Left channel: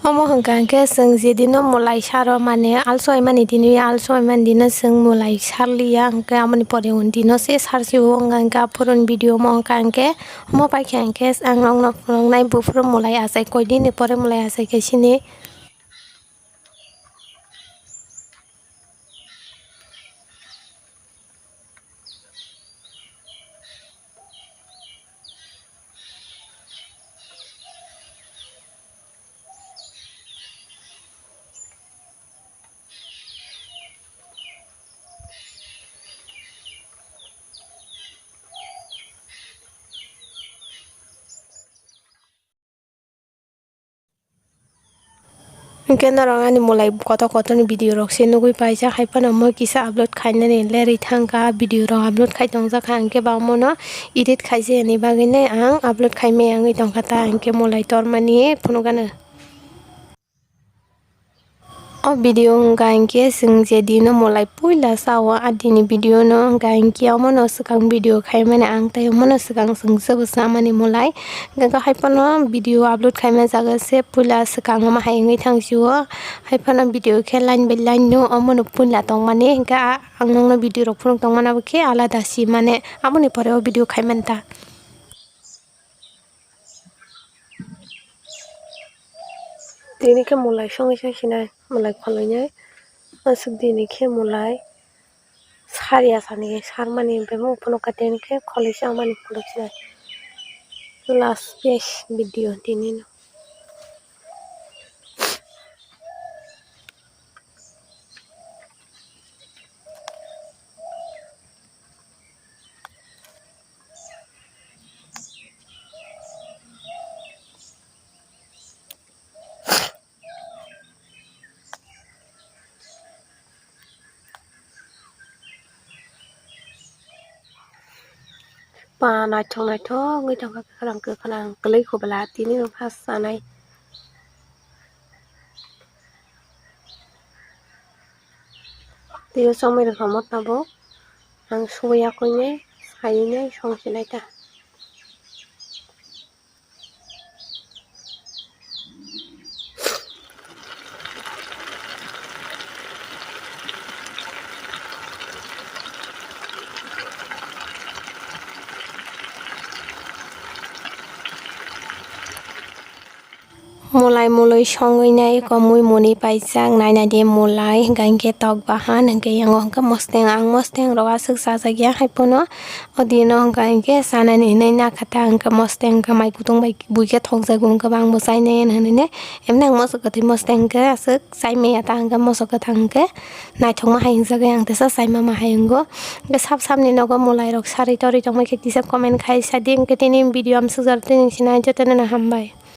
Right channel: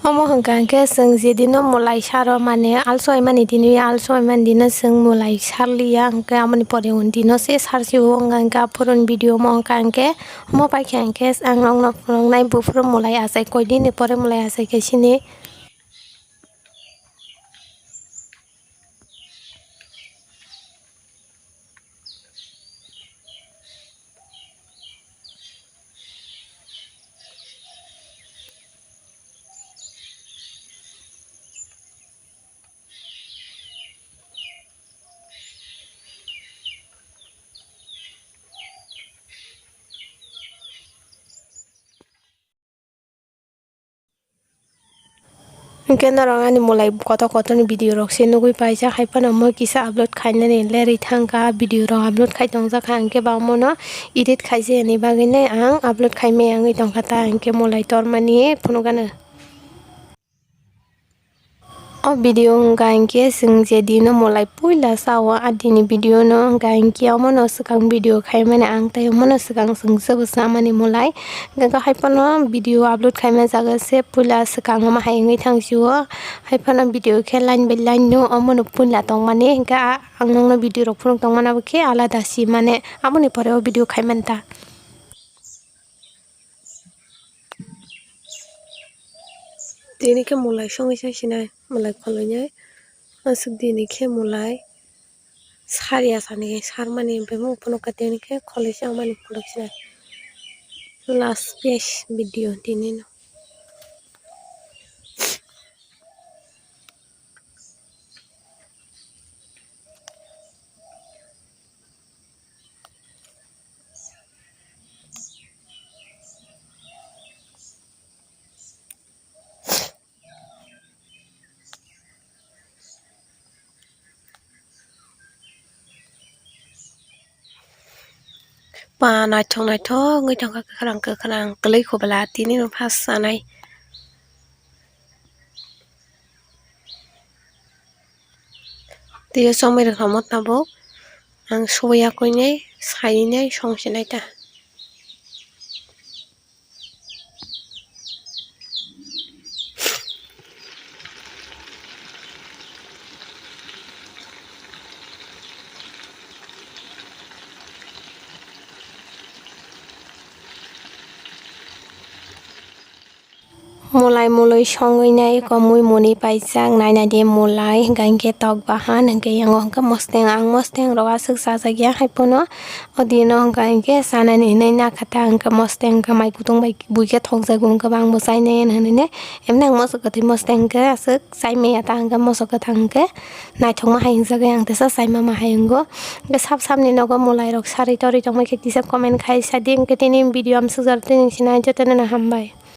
Omo hongkangke sing jedino mulai saro mane alsoi mani dini alsoi man dino sing mulai sarliya hongke amoni pore undino se sarsiu hongkangke purun video mo hongkangke omo paikangke ang nong nai bufru mulai asai koidini pore mulai asai ke sini Kena rangani mulai koto ni video rok se nugui paisa haipana mo kisa upload khainani leri thangka video rok upload khai tongjaka angke bamono edit khaise ni bagine ang upload khaime angi tongkha ta angke mulai tormani phunukano o video hongka angke sing je dino mulai puila sawa adini video no hongka angke amono swkang video khaimani ang tai amono swkang sing sobo samani mulai hongka haipano video upload khaima jaga se puila swkang ma haingi thangsiu haipano video khe line by line no amono puila tongmani hongka ang nongno video rok phunuk tongmana khe alada si mane amoni pore o video khaimanta dini ke mulai songi sina mulai kholoinai asuk dini ke mulai saria sani sarmani bemo pono kateni ke kholisa amani kholisa last page video dini no pa naithok ngui thangka kharang klei khobala tini no phas sanai tiyo somai rok hamot nabo ang soya koinai sainai songsinai ta mulai songoi nai ko mui moni paijak naina de mulai hingke tok bahan hingke yango hingke mosteng rok asuk sajagya haipono odino hingke sanani hinai nakhata hingke mosteng hingke mai kutung bai buike thongjago hingke bang bwsai nei hinane emne ang moso kathi mosteng hingke asuk saimaya ta hingke moso kathang hingke naithokma haingjagai ang tesa saima ma haingo hingke sap ni nogo mulai rok sari tori tongmai khe tisa comment khai sadi hingke tini video amsuk jar tini sinai jotone hambai।